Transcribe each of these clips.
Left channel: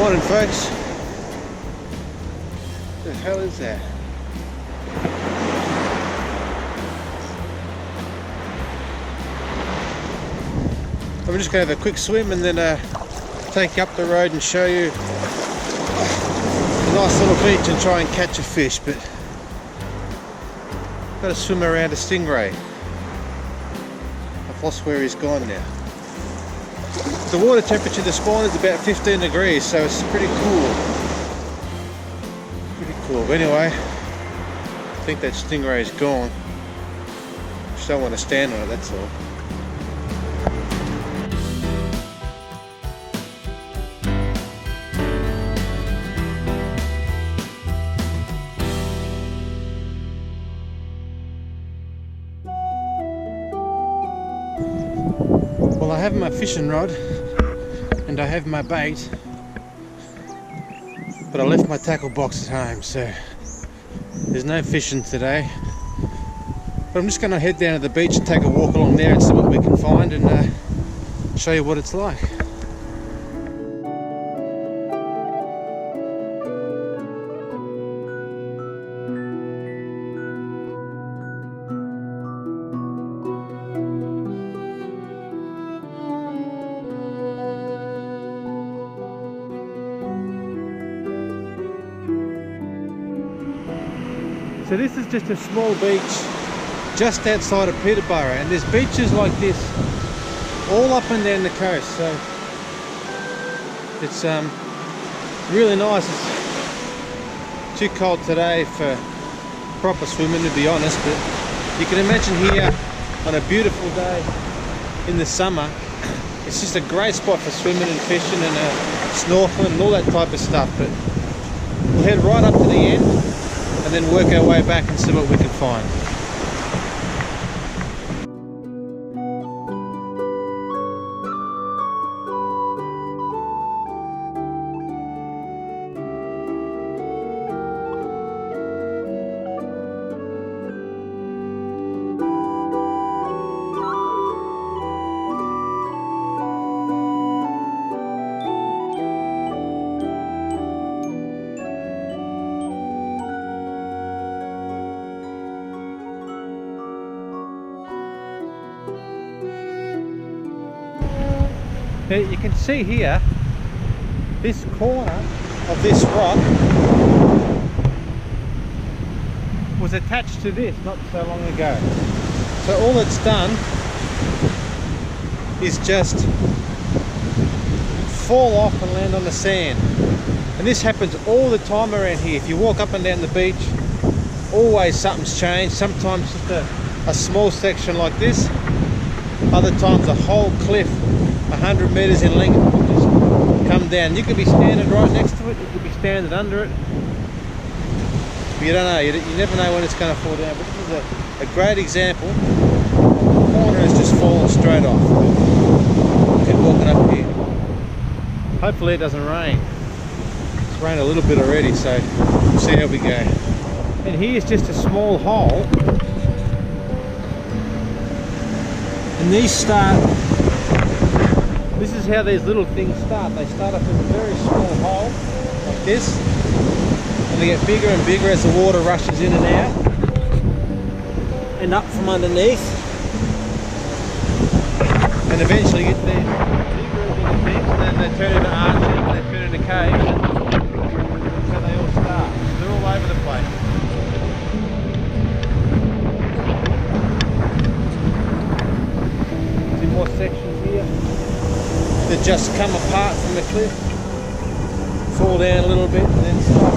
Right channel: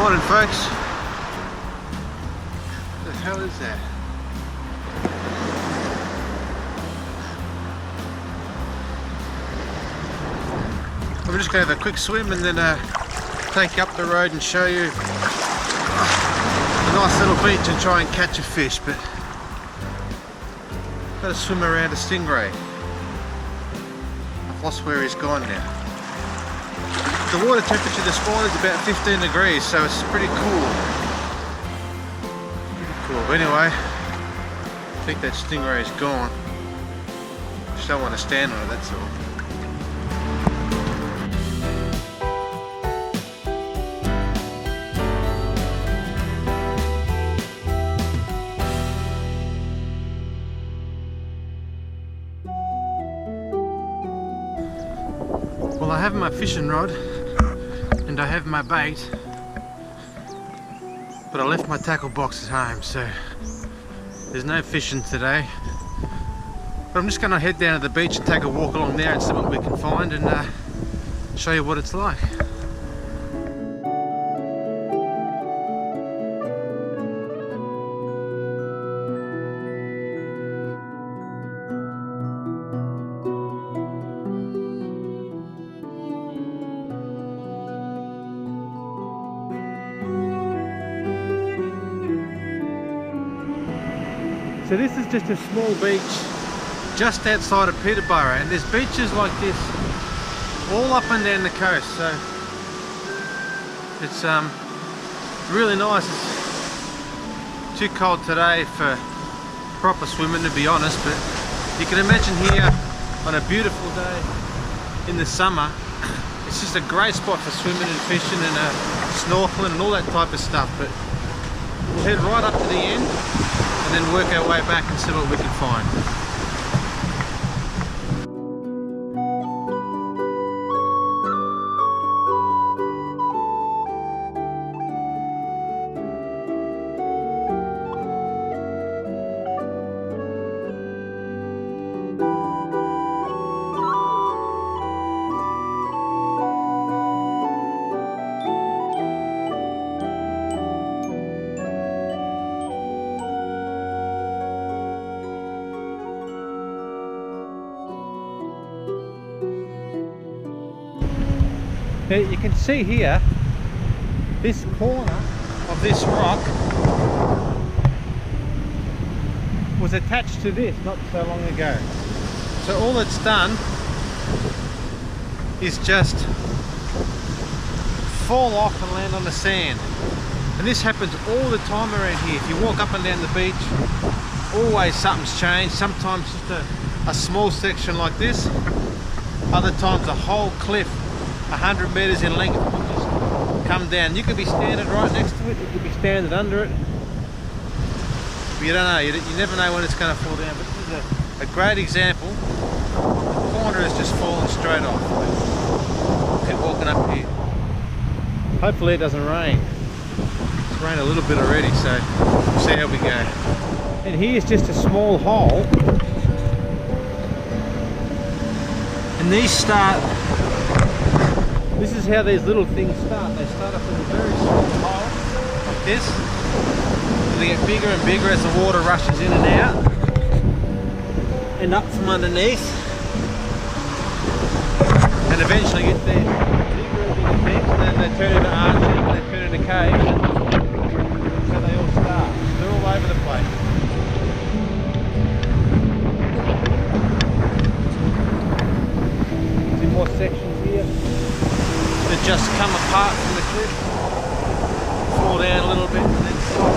Morning folks. What the hell is that? I'm just going to have a quick swim and then take you up the road and show you a nice little beach and try and catch a fish, but I've got to swim around a stingray. I've lost where he's gone now. The water temperature this morning is about 15 degrees, so it's pretty cool. Pretty cool. But anyway, I think that stingray is gone. Just don't want to stand on it, that's all. Well, I have my fishing rod and I have my bait, but I left my tackle box at home, so there's no fishing today. But I'm just going to head down to the beach and take a walk along there and see what we can find and show you what it's like. So this is just a small beach just outside of Peterborough, and there's beaches like this all up and down the coast, so it's really nice. It's too cold today for proper swimming, to be honest, but you can imagine here on a beautiful day in the summer, it's just a great spot for swimming and fishing and snorkeling and all that type of stuff. But we'll head right up to the end and then work our way back and see what we can find. Now you can see here, this corner of this rock was attached to this not so long ago. So all it's done is just fall off and land on the sand. And this happens all the time around here. If you walk up and down the beach, always something's changed. Sometimes just a small section like this, other times a whole cliff 100 meters in length will just come down. You could be standing right next to it, you could be standing under it, but you don't know, you never know when it's going to fall down. But this is a great example of the corner has just fallen straight off. But we'll keep walking up here. Hopefully it doesn't rain. It's rained a little bit already, so we'll see how we go. And here's just a small hole, and these start. This is how these little things start. They start off as a very small hole, like this, and they get bigger and bigger as the water rushes in and out, and up from underneath, and eventually get there bigger and bigger things, and then they turn into arches, and they turn into caves, and that's how they all start. They're all over the place. See more sections here that just come apart from the cliff, fall down a little bit and then stop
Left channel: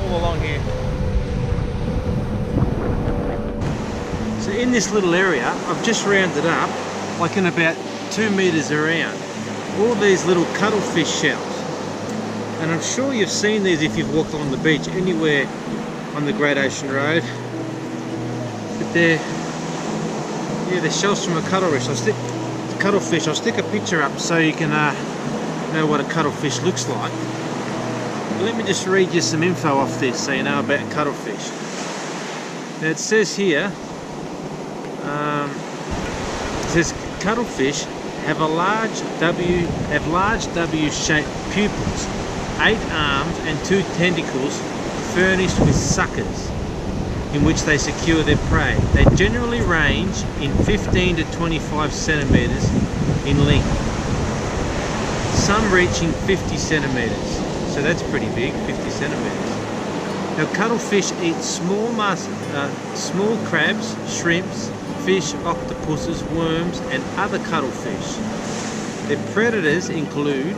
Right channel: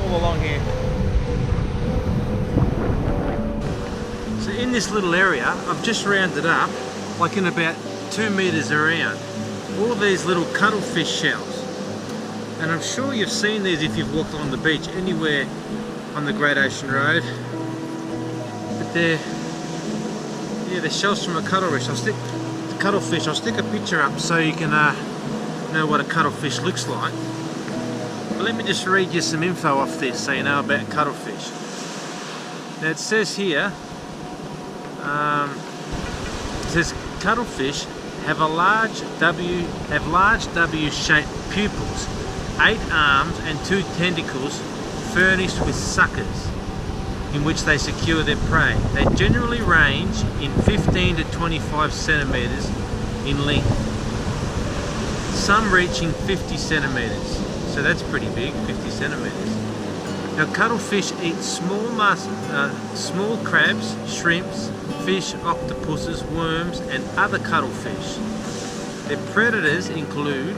all along here. So in this little area, I've just rounded up, like in about 2 meters around, all these little cuttlefish shells. And I'm sure you've seen these if you've walked along the beach anywhere on the Great Ocean Road. But they're shells from a cuttlefish. I'll stick a picture up so you can know what a cuttlefish looks like. But let me just read you some info off this so you know about cuttlefish. Now it says here, it says cuttlefish have large W-shaped pupils, 8 arms and 2 tentacles furnished with suckers in which they secure their prey. They generally range in 15 to 25 centimeters in length, some reaching 50 centimeters. So that's pretty big, 50 centimeters. Now cuttlefish eat small crabs, shrimps, fish, octopuses, worms and other cuttlefish. Their predators include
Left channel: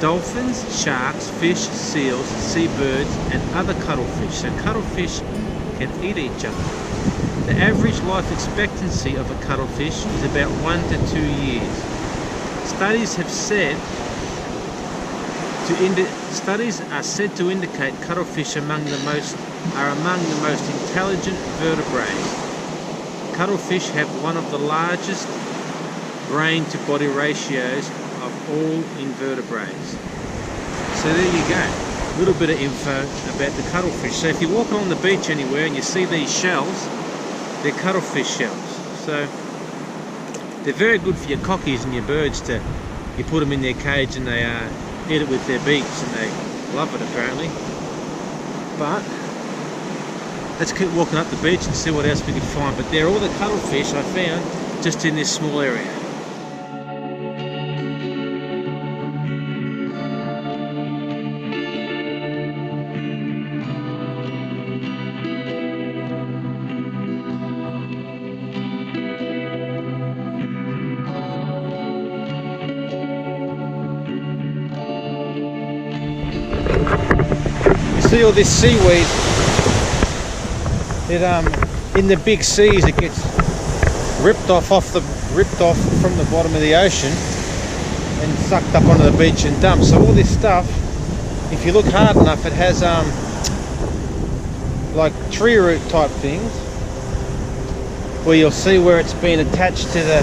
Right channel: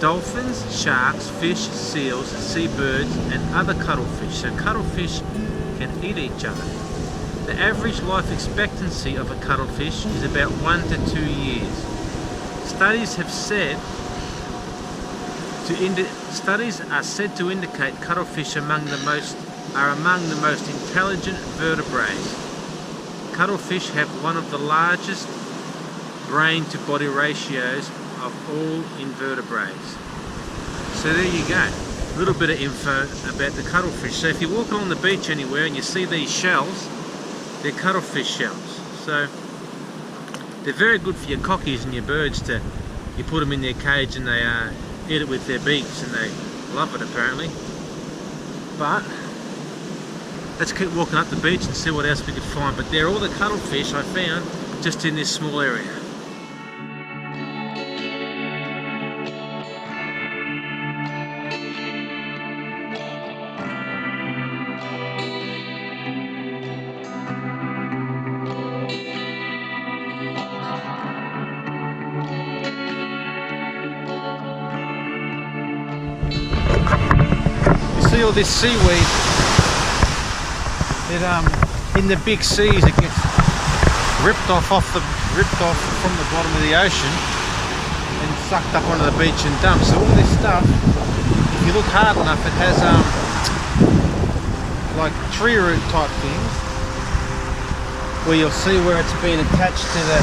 dolphins, sharks, fish, seals, seabirds and other cuttlefish. So cuttlefish can eat each other. The average life expectancy of a cuttlefish is about 1 to 2 years. Studies are said to indicate cuttlefish are among the most intelligent vertebrates. Cuttlefish have one of the largest brain to body ratios of all invertebrates. So there you go, a little bit of info about the cuttlefish. So if you walk along the beach anywhere and you see these shells, they're cuttlefish shells. So they're very good for your cockies and your birds. You put them in their cage and they eat it with their beaks and they love it apparently. But let's keep walking up the beach and see what else we can find. But they're all the cuttlefish I found just in this small area. See all this seaweed, in the big seas it gets ripped off from the bottom of the ocean and sucked up onto the beach and dumped. So all this stuff, if you look hard enough, it has like tree root type things where you'll see where it's been attached to the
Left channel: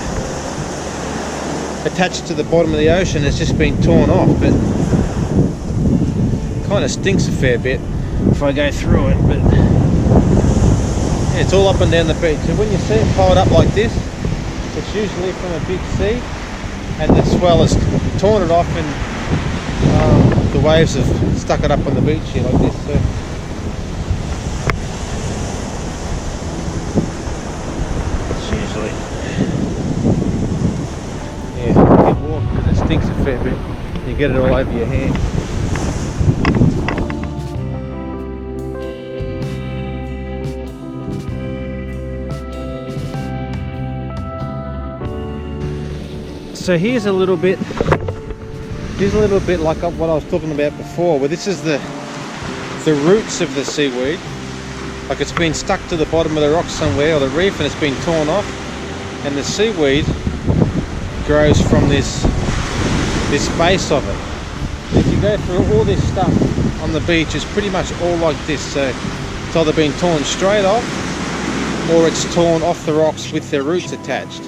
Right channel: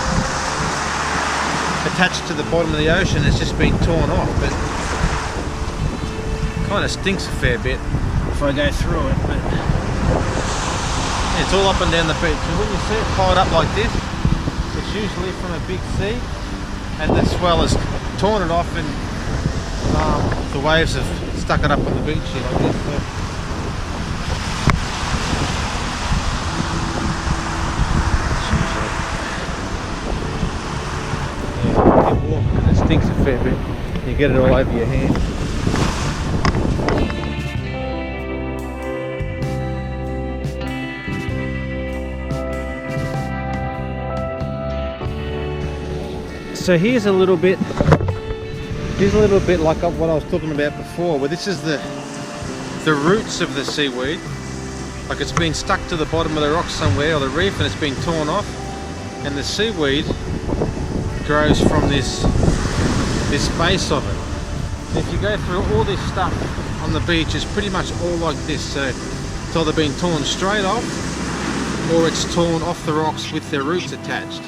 bottom of the ocean. It's just been torn off, but kind of stinks a fair bit if I go through it. But yeah, it's all up and down the beach. So when you see it piled up like this, it's usually from a big sea and the swell has torn it off and the waves have stuck it up on the beach here like this. So it's usually, yeah, you get warm and it stinks a fair bit. You get it all over your hand. So here's a little bit like what I was talking about before, where this is the roots of the seaweed. Like it's been stuck to the bottom of the rock somewhere or the reef and it's been torn off, and the seaweed grows from this base of it. And if you go through all this stuff on the beach, it's pretty much all like this. So it's either been torn straight off or it's torn off the rocks with their roots attached.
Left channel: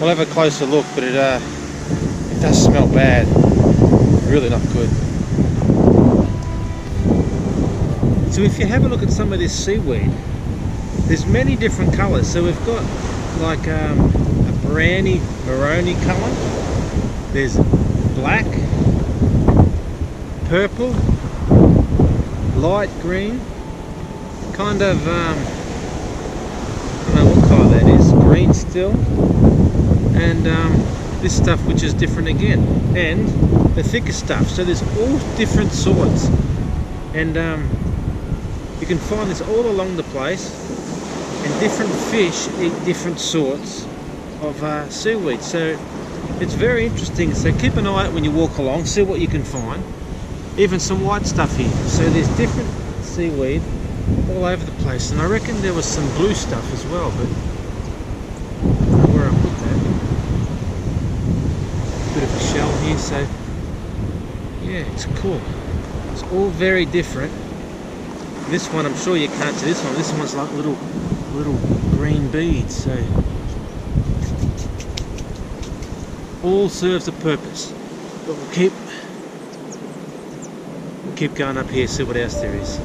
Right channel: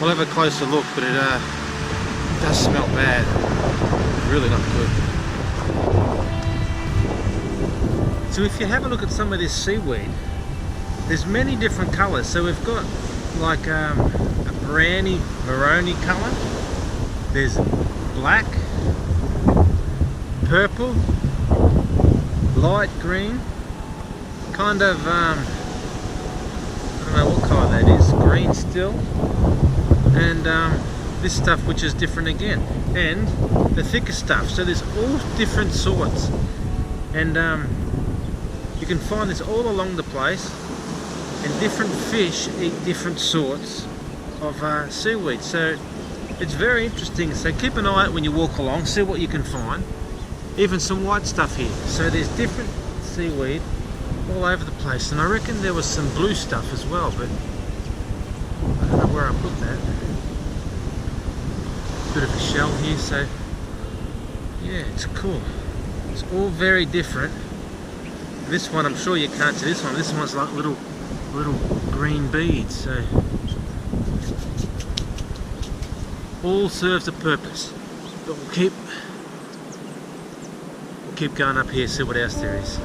We'll have a closer look, but it does smell bad. Really not good. So if you have a look at some of this seaweed, there's many different colours. So we've got like a browny, maroni colour. There's black, purple, light green, kind of, I don't know what colour that is, green still. And this stuff which is different again, and the thicker stuff. So there's all different sorts, and you can find this all along the place, and different fish eat different sorts of seaweed. So it's very interesting. So keep an eye out when you walk along, see what you can find. Even some white stuff here. So there's different seaweed all over the place, and I reckon there was some blue stuff as well, but I don't know where I put that. Bit of a shell here, so yeah, it's cool. It's all very different. This one, I'm sure you can't see this one. This one's like little green beads. So all serves a purpose. But we'll keep going up here, see what else there is.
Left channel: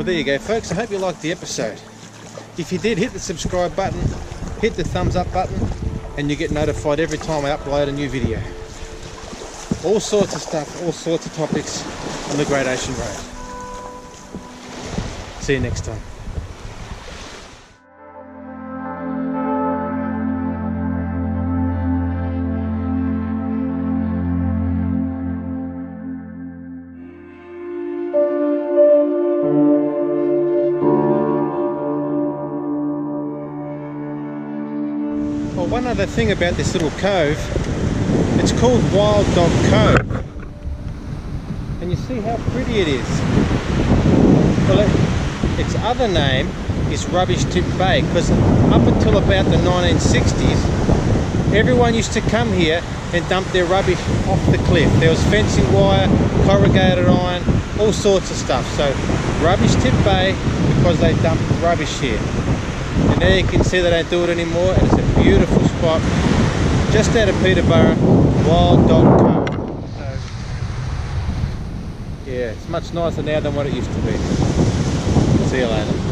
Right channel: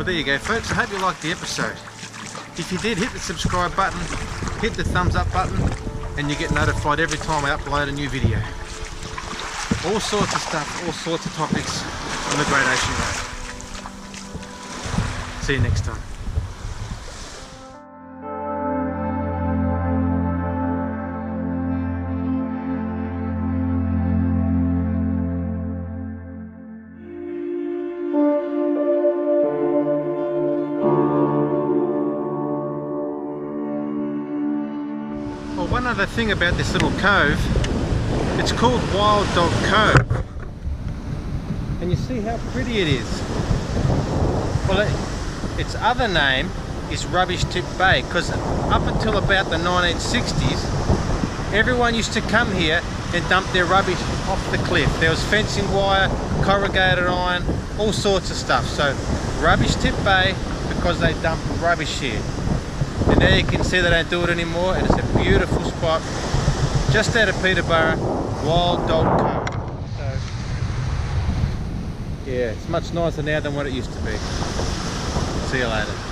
Well, there you go, folks. I hope you liked the episode. If you did, hit the subscribe button, hit the thumbs up button, and you get notified every time I upload a new video. All sorts of stuff, all sorts of topics on the Great Ocean Road. See you next time. Well, one other thing about this little cove, it's called Wild Dog Cove, and you see how pretty it is. Well, its other name is Rubbish Tip Bay, because up until about the 1960s, everyone used to come here and dump their rubbish off the cliff. There was fencing wire, corrugated iron, all sorts of stuff. So Rubbish Tip Bay, because they dump rubbish here. And there you can see they don't do it anymore, and it's a beautiful spot just out of Peterborough, Wild Dog Cove. So yeah, it's much nicer now than what it used to be. See you later.